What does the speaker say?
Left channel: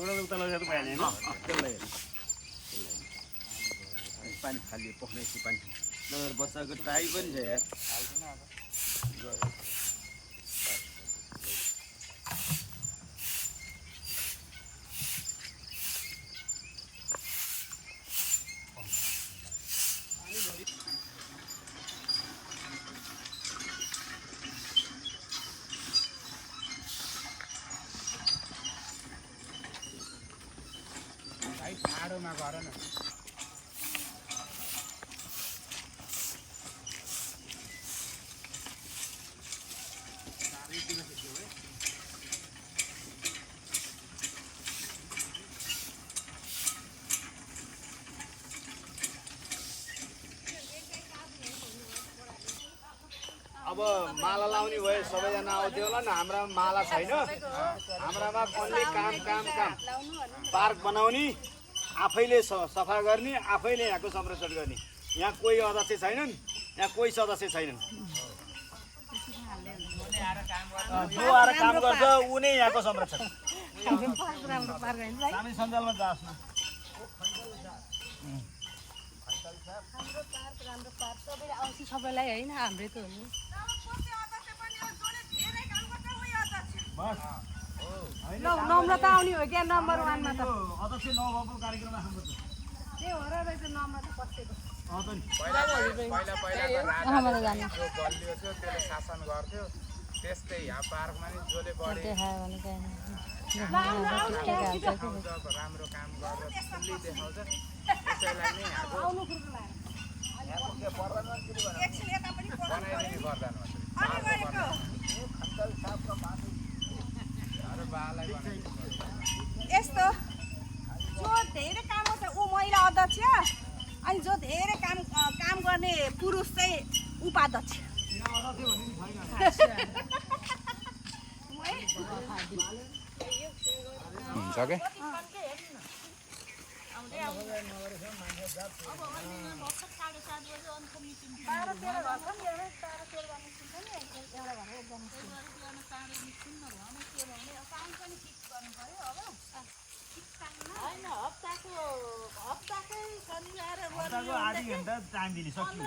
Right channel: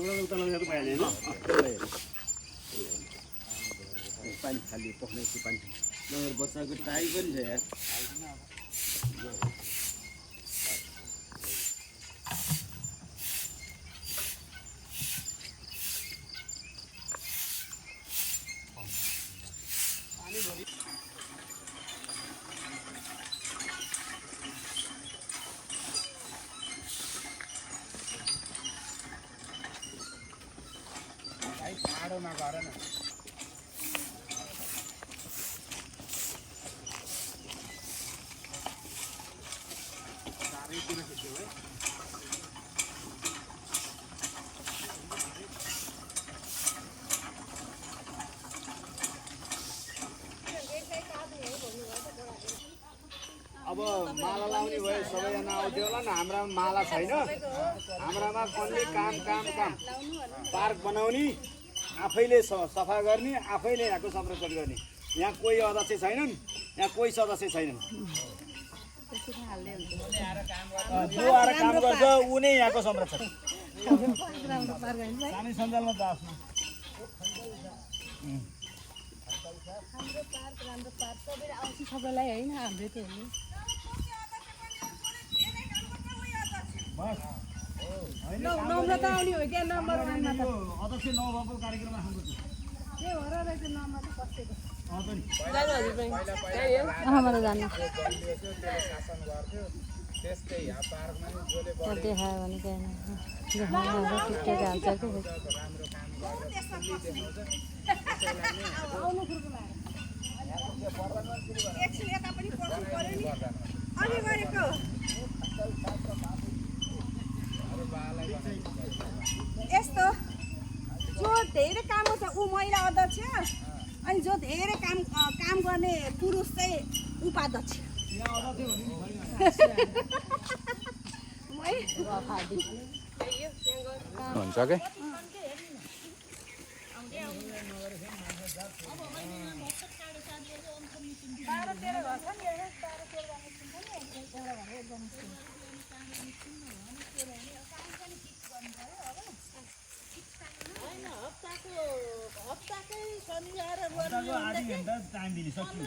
उता लगेर भइहाल्यो पानी खाली पक्ने पानी नगर बच्चाको टाइ पनि छ यार ठाडोमा गर न अब माला लाउने भयो सबैजना आउँथ्यो होला नि हाम्रा माला छैन हाम्रामा कसले काम पार्क बनाउने आफैले सफा गर्ने आफैले यहाँको संरक्षण गर्ने यहाँ कोही अध्यक्ष छैनन् यहाँ कोही सदस्य छैनन् जो आएर काम गर्छ ऊ नै यहाँको संरक्षक हामी सञ्जालमा जास् न सबैलाई होइन हाम्रै त हो नि नम्रता आउने हो क्या नम्बर 1 मा त अध्यक्ष नभएको कार्यक्रम राख्नु त्यही हो र रहेछ नम्रता बसेको पहिलाको राजाले चाहिँ जो बलियो थियो त्यसले शासन गर्थ्यो त्यस्तै यहाँ पार्कमा नि जसले बढी राम्रो काम गरेर फुल्ली देखाउँछ त्यसैलाई नै यहाँको बनाइदिने यस्तो जो धेरै काम गर्छ ऊ महिला अध्यक्ष अनि जो धेरै काम गर्ने पुरुष चाहिँ उपाध्यक्ष हुन्छ कि होइन हप्ताकै शनिबार आधी घन्टा टाइम दिने सक्यो